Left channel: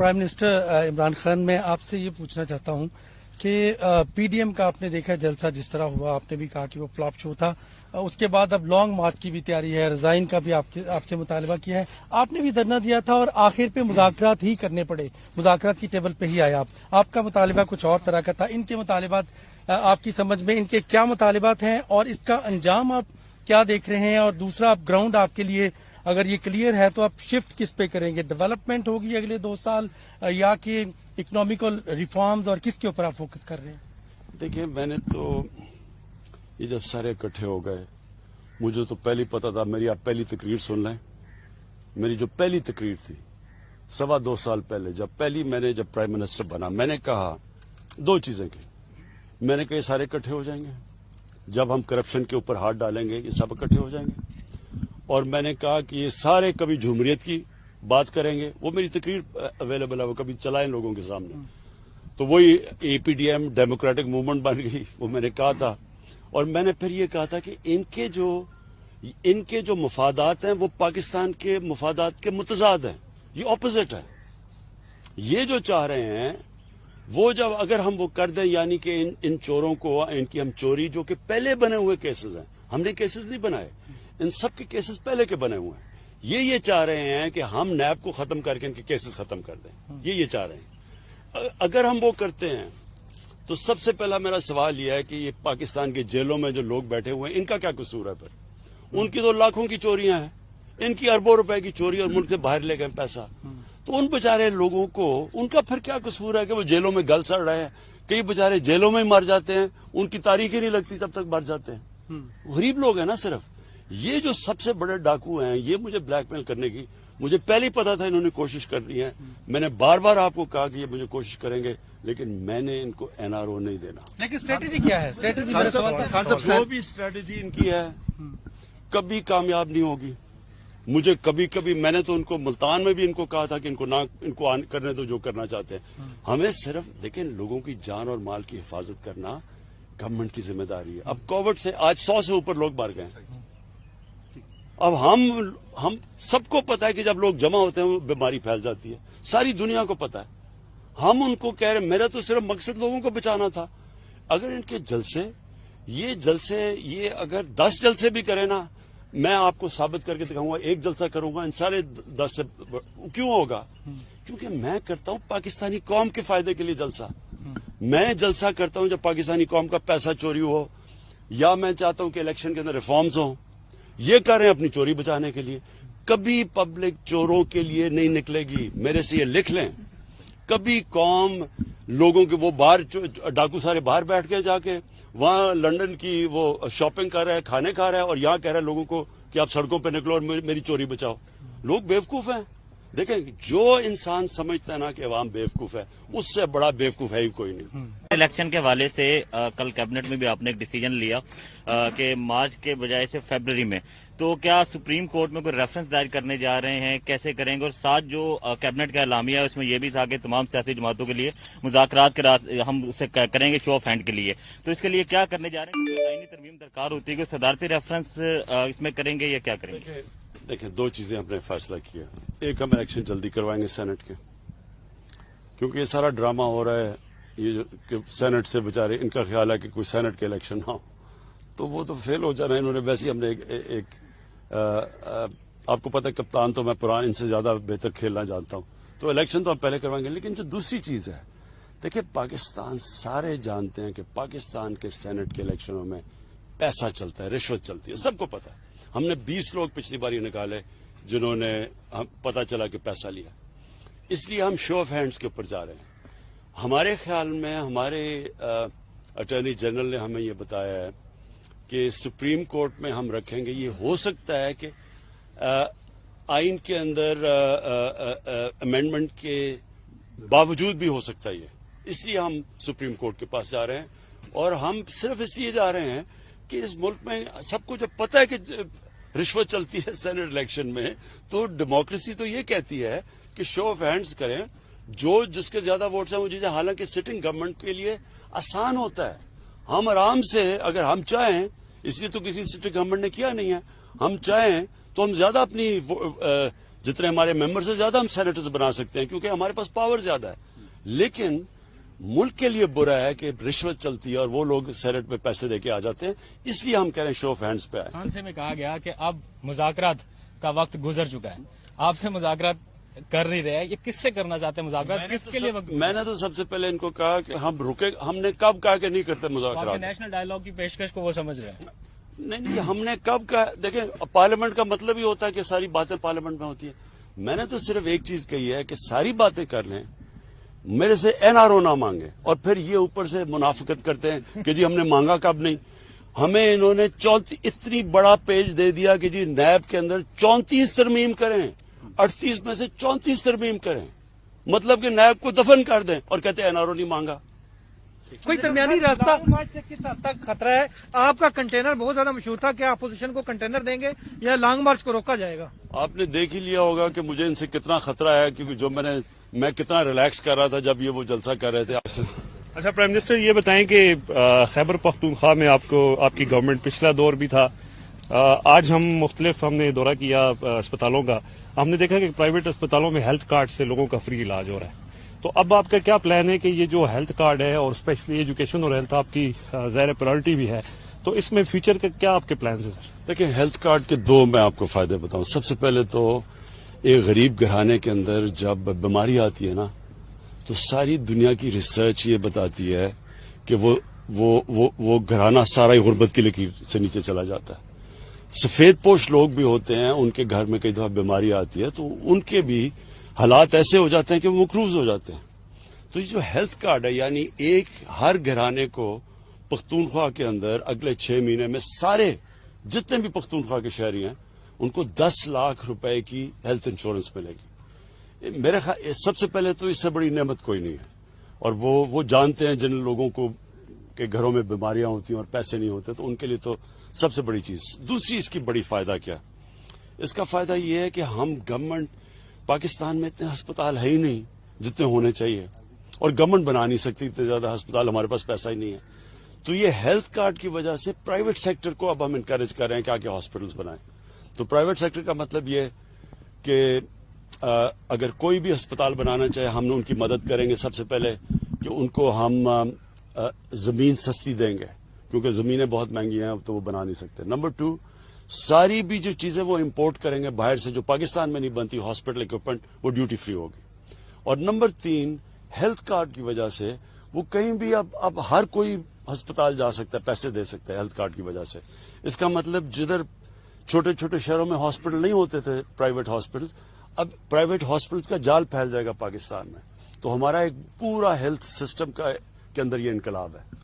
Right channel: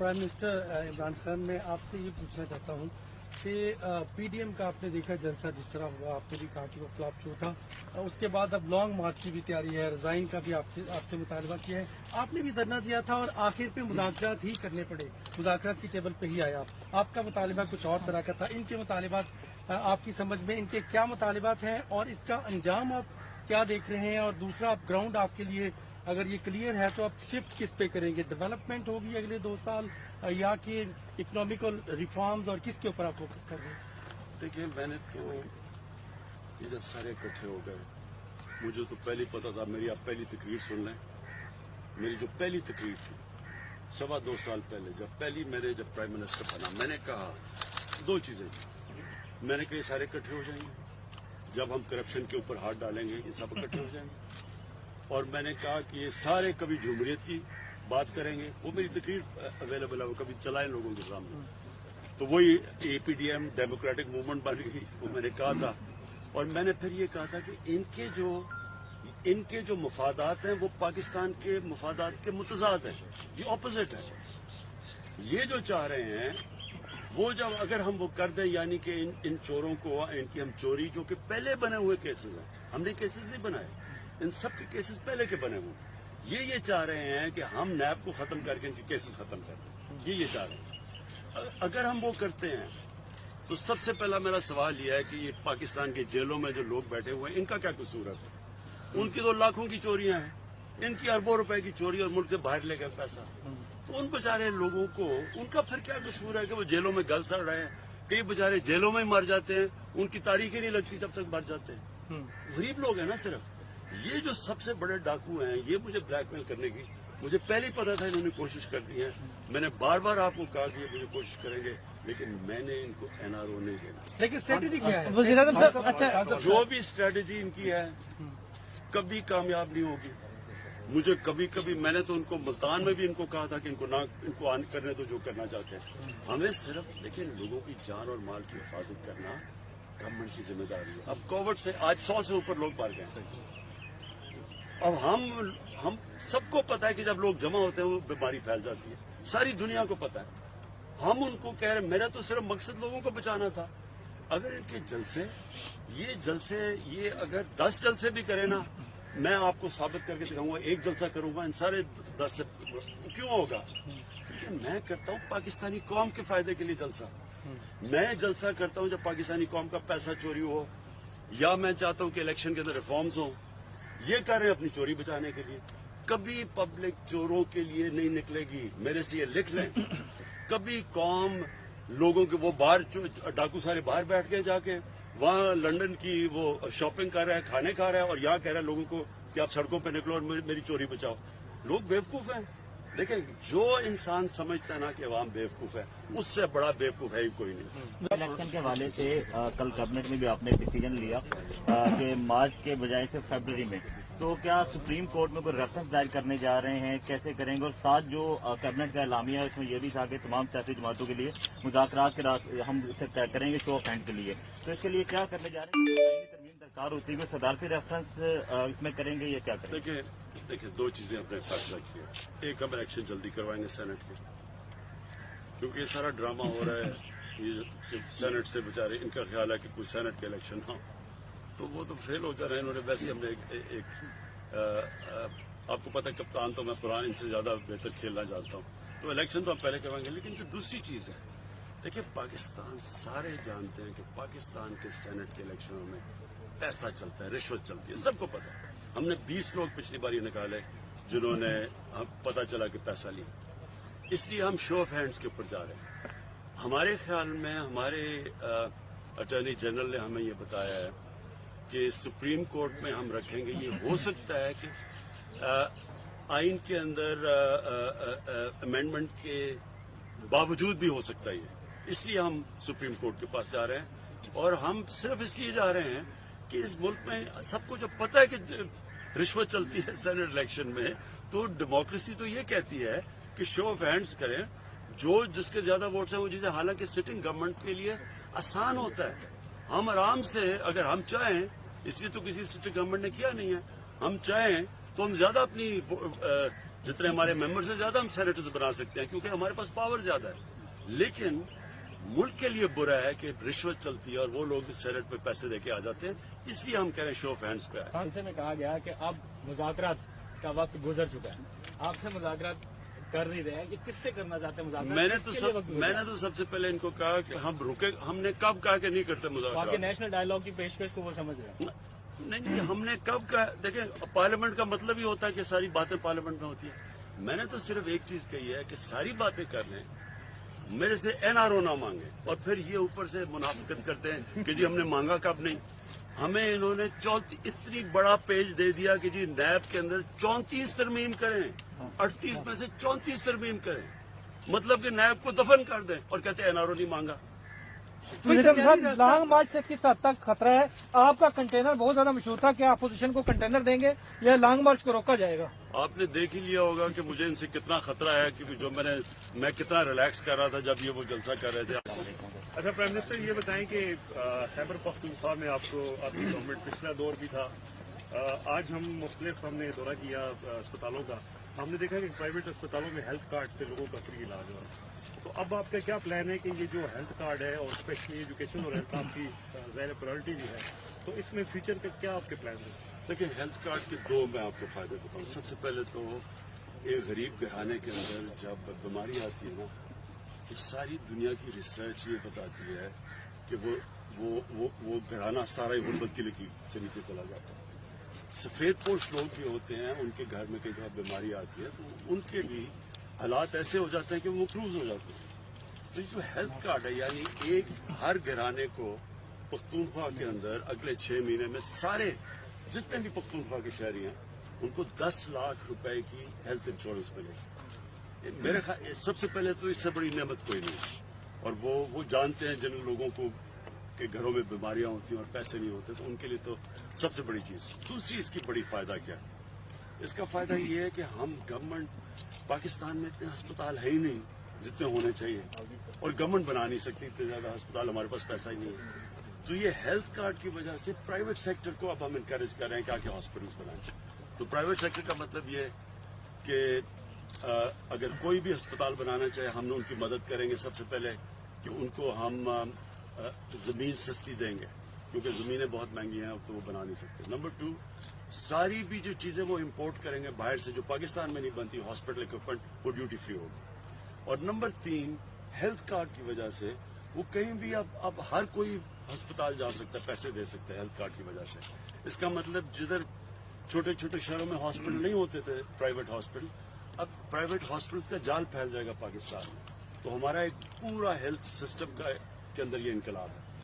Prime minister Imran Khan, मैं आपसे ये पूछना चाहता हूँ कि पीडीएम का आपने देखा जलसा जिस तरह हुआ, आपने भी कहा कि वो फ्लॉप शो था। उसके बाद अब लॉन्ग मार्च की भी तैयारी है, रिजाइन का भी आपसे मुतालबा किया है, आपने भी धरना दिया था और आखिर पे मुज़ाकरात ही करने पड़े, मुज़ाकरात की टेबल पे ही आए आप। आपका मुतालबा कुछ और तरह का था। इनके मुतालिबात आपकी समझ में इनके क्या मुतालिबात हैं और इसका अंजाम आप क्या देख रहे हैं? और दूसरा, आप ग्राउंड आपके लिए अगर ये क्लियर है तो आप शिफ्ट किस पे करेंगे? डेवलपमेंट होगी अगले 2 साल या कि इकोनॉमिकल रिफॉर्म्स, और किसके ऊपर आप फोकस कर रहे हैं? देखिए, मैंने तो ये जब सारे इकट्ठे हो गए, मुझे तो पहले पता था। मेरी आप पहली तकरीर सुन लें। मेरी जो पहली तकरीर थी 2.25 साल पहले, जब प्राइम मिनिस्टर बना, मैंने कहा 2 चीजें की। मैंने कहा ये सारे इकट्ठे हो जाएंगे, जब हम करप्शन के ऊपर हाथ डालेंगे ये सब इकट्ठे हो जाएंगे। और मैंने कहा कि ये सारे कभी झुमरियत की बात करेंगे। वो मेरी तकरीर अवेलेबल है, वो कभी चलाएं लोगों के सामने। तो वही एपीडीएम डेमोक्रेटिक मूवमेंट बन गई, वो मैंने कहा था। और मैंने फिर ये कहा था कि इनके जो मफादात हैं वो पाकिस्तान के मफादात के मुतजाद हैं, ये ऑपोजिट है। ये जो चाह रहे हैं वो जब अगर हम वो कर दें, यानी कि इन चोरों को, इनकी हम चोरी, जो कि पहले बने हुए केसेस हैं, हमने केसेस नहीं बनाए, इन सब के केसेस पहले के बने हुए हैं। ये चाह रहे हैं कि हम नैब को खत्म करके इनके केसेस खत्म कर दें, ये चाह रहे हैं। अगर हम वो करते हैं तो सबसे पहला मेरा सवाल यह है कि ये पाकिस्तान के जेलों में जो लोग बैठे हुए हैं, इनका क्या कसूर है? फिर उनकी तो लाखों की चोरियां हैं, इनकी अरबों रुपए की चोरी, और मुल्क से बाहर ले गए पैसा। तो उन बेचारे लोगों को उनका फिर क्या कसूर है कि वो जेलों में गल सड़ रहे हैं? कई बेचारे जेलों में मर जाते हैं, उनकी तारीख ही नहीं लगती तब तक मर जाते हैं। गरीब लोग हैं ना सिर्फ। ये जो सबसे बड़े डाकू हैं, ये मुझे ब्लैकमेल करने की, मुझे पहले ही पता था इन्होंने कोशिश कर दी है। मैंने बार बार आपको कहा कि ये मुझे कोशिश करेंगे, लेकिन मैंने इनको एनआरओ नहीं देना। लेकिन स्ट्रेटेजी क्या है? जो भी स्ट्रेटेजी इनकी है कभी कामयाब नहीं होगी। मुझे कभी मैंने तो उनको मुल्तान में भी इनको कहा था कि इनको ऑन करने दो जो करना चाहते हैं। हमें सिर्फ, लेकिन लोगों की जान और माल की हिफाजत करना गवर्नमेंट की जिम्मेदारी है। अब कोविड से आज 100 से ऊपर लोग मर गए। अब हम सबको पता है कि जब लोग जमा होते हैं बीमारी फैल जाती है, सारी दुनिया को पता है। हम उनको कह रहे, मेरा तो सिर्फ मकसद लोगों को बचाना था। अगर इनके जलसे ये अगर 10 जलसे भी करें ना, मैं आपको साबित करके दिखाऊंगा। 1 जलसा करूंगा, इन सारे 10 से क्यों होगा? क्योंकि मैं करता हूं पाकिस्तानी कौम के फायदे के लिए जलसा। मैं जलसा करता हूं जब पाकिस्तानी कौम का पैसा चोरी हो, या मैं चाहता हूं कि इलेक्शन के अंदर रिफॉर्म्स हो। ये कर रहे हैं अपनी चोरी बचाने के लिए। कभी पब्लिक चोरों के लिए नहीं निकलेगी, मेरे से ये लिख लें। कभी कौम लोगों के, वो बाहर डाकू सारे बाहर बैठ के जाके वहां लंदन की वो शॉपिंग कर रहा है, खाने खा रहा है, और यहाँ कह रहा है लोगों को कि आप सड़कों पे निकलो और मेरी चोरी बचाओ। लोग बेवकूफ हैं। देखें, जो इंसान समझता है ना कि अवाम बेवकूफ है, उससे बड़ा बेवकूफ है ही कोई नहीं। इलेक्शन के हवाले से कल कैबिनेट में भी आपने एक डिसीजन लिया कि मार्च के बजाय से फरवरी में, तो क्या सुप्रीम कोर्ट में कोई रेफरेंस दायर करने जा रहे हैं? कैसे करेंगे? और साथ जो कैबिनेट का एलामिया है उसमें यह भी था कि तमाम सियासी जमातों के लिए मुज़ाकरात के रास्ते हम उसे करेंगे शो ऑफ हैंड के लिए। तो इसके लिए क्या करने जा रहे हैं? आईनी तरमीम दरकार होती है कि सदारती रेफरेंस इसमें करेंगे या क्या करेंगे? देखिए 2 चीजें हमने फैसला किया। एक, हम इलेक्शन जल्दी करवाएंगे सेनेट के, क्योंकि ये सारा ड्रामा हो रहा है। ये जो सेनेट से बेचारे, इनका ख्याल है कि कोई सेनेट के इलेक्शन ना हो, तो वो तो फेल हो जाना है इन्होंने। वैसे ही हमने आपको पता है कप्तान तो मैं पुराना, इनसे ज्यादा बेहतर खेलना जानता हूँ, तो इलेक्शन तो हम पहले करवाएंगे। लेकिन जो दूसरी चीज है, देखिए पाकिस्तान, सारे जानते हैं कि पाकिस्तान के सेनेट के इलेक्शनों में पैसा चलता है, रिश्वत चलती है, सबको पता है। हमने 20 लोग पिछली बार निकाले जिन्होंने पता चला कि पैसा लिया। इसलिए हम शो ऑफ हैंड्स के ऊपर जा रहे हैं। हमारे ख्याल में हमारे अटॉर्नी जनरल ने हमें ये बताया है कि सुप्रीम कोर्ट में हम रखेंगे। ये हो सकता है कि आइन के अंदर अमेंडमेंट के बावजूद भी हो सकता है ये, इसलिए हम सुप्रीम कोर्ट के पास जा रहे हैं। और हम सिर्फ इसलिए जा रहे हैं कि इस मुल्क में सबको जब पता है कि रिश्वत चलती है सेनेट इलेक्शन में, तो डेमोक्रेसी तो ये कहती है कि शो ऑफ हैंड्स करें, जो जिसके ज्यादा वोट्स हैं वो चीजें। हालांकि सिटिंग गवर्नमेंट के लिए आसान होता है, हम आराम से, अगर हम चाहें, इसलिए तो किसी सिटिंग गवर्नमेंट ने किया नहीं है, हम चाहें तो हम ज्यादा अपनी जितने हमारे मेंबर से ज्यादा हम सेनेटर्स बना सकते हैं, क्योंकि हमारे पास पावर ज्यादा है। लेकिन मुल्क के लिए बुरा है कि रिश्वत चलती है और वो लोग सेनेट में पैसे देके आ जाते हैं, इसलिए हम कह रहे हैं शो ऑफ हैंड्स पे आए। फ्रांस में कहा गया कि अब मुज़ाकरात का वक्त गुजर चुका है, आपसे मुज़ाकरात कर नहीं रहे हैं, ये किससे करना चाहते हैं मुज़ाकरात? किसके लिए वक्त? मैंने तो सबसे पहले इनको कहा कि हम रुके, हमने कब कहा कि नहीं करते आपके मुज़ाकरात? नेशनल डायलॉग की पेशकश को वो समझ रहे हैं। नहीं, हमने कब कहा? देखें, पार्लियामेंट का मतलब ही होता है कि सारी बातें पार्लियामेंट में होती है। मैंने तो सिर्फ एक चीज कही है कि सारी बातें कर लें, मेरे से एनआरओ ना मांगे, और फिर ये ऊपर से मुनाफिकत करते हैं कि जी हमने मांगा कब नहीं। हमें इन्होंने 34 इतनी बड़ा पेज दे दिया कि जी नैब के अंदर 34 तरमीम करें, 38 में से 34 तरमीम करें, मतलब कि नैब को दफन कर दें, और कहते हैं एनआरओ नहीं मांगा। कोई दरमियानी रास्ता लॉन्ग मार्च से किस हद तक खतरा है? आपका कंटेनर बहुत ज्यादा मशहूर था, क्या अपोजिशन को कंटेनर देंगे या लॉन्ग मार्च को रोका जाएगा? आपने देख ही लिया होगा कि मुझे इनसे कितना खतरा है, क्योंकि जो मैं कितना रिलैक्स कर रहा था जब ये वो जलसा कर रहे थे। अच्छा प्राइम मिनिस्टर, ये बताएं कि खैबर पख्तूनख्वा में आपकी गवर्नमेंट पिछला दौर भी था, आज हमने दौरा किया अस्पतालों का, हमने देखा कि प्राइवेट अस्पतालों में हेल्थ कार्ड से लोगों का फ्री इलाज हो रहा है। तो अब आपका क्या प्लान है कि ये जो हेल्थ कार्ड है और स्पेशली एजुकेशन और हेल्थ आपकी ज़ाहिर प्रायोरिटी भी है, तो इसमें फ्यूचर के क्या आपके प्लान है सर? देखिए, हेल्थ कार्ड के दो मैं आपको फायदे बताऊं। सबसे पहले तो एक गरीब घराने के अंदर जब बीमारी आती है ना, तो सारी दुनिया की रिसर्च ये बताती है कि वो घराना सारा ही गुर्बत की लकीर से नीचे चला जाता है। सफेद पोश लोग भी होते हैं, उनके घर में कई दफा बीमारी आती है तो उनके भी हालात ऐसे हो जाते हैं कि वो मकरूज हो जाते हैं। तो ये जो हेल्थ कार्ड है, यानी एक हर घराने को पख्तूनख्वा के अंदर अगले 6 महीने में सारे जितने भी पख्तूनख्वा के शहरी हैं उनको 10 लाख रुपए की हेल्थ इंश्योरेंस मिलेगी। मेरे ख्याल सबसे पहले तो इससे बड़ी नेमत कोई नहीं है, और वो जानते हैं जिन लोगों को के घरों में बीमारियां होती हैं और पैसे नहीं होते, तो उनके लिए तो सबसे बड़ी चीज। दूसरी इसकी बड़ी फायदा क्या है? इसका फायदा ये है कि हम गवर्नमेंट, पाकिस्तान में इतने अस्पताल है ही नहीं जितने होने चाहिए, और गवर्नमेंट बना नहीं सकती इतने ज्यादा अस्पताल, हमारे पास पैसा ही नहीं है। तो ये हेल्थ कार्ड की वजह से प्राइवेट सेक्टर को अब हम इनकरेज कर रहे हैं कि आके हॉस्पिटल्स बनाएं। तो प्राइवेट सेक्टर का मतलब ये कि अगर कोई भी अस्पताल बनाना चाहे, हम उनकी मदद करेंगे। सबसे पहले कि उनको हम जमीन सस्ती देंगे, क्योंकि जमीनें बहुत महंगी हैं, अब तो वो बना नहीं सकते। नंबर 2, सारी भी जो चीजें वो इंपोर्ट करेंगे बाहर से, जो पाकिस्तान में नहीं बनती, हॉस्पिटल इक्विपमेंट, वो ड्यूटी फ्री होगी। और नंबर 3, हेल्थ कार्ड की वजह से वो कहीं भी अब हर कोई अस्पताल जा सकता है, पैसे दे सकता है हेल्थ कार्ड की वजह से। इसका मतलब जिधर छोटे छोटे शहरों में हॉस्पिटल नहीं होते थे, प्राइवेट हॉस्पिटल, अब प्राइवेट हॉस्पिटल्स का जाल फैल जाएगा पाकिस्तान में। तो हमारा एक पूरा हेल्थ सिस्टम के अंदर ये इनकलाब है।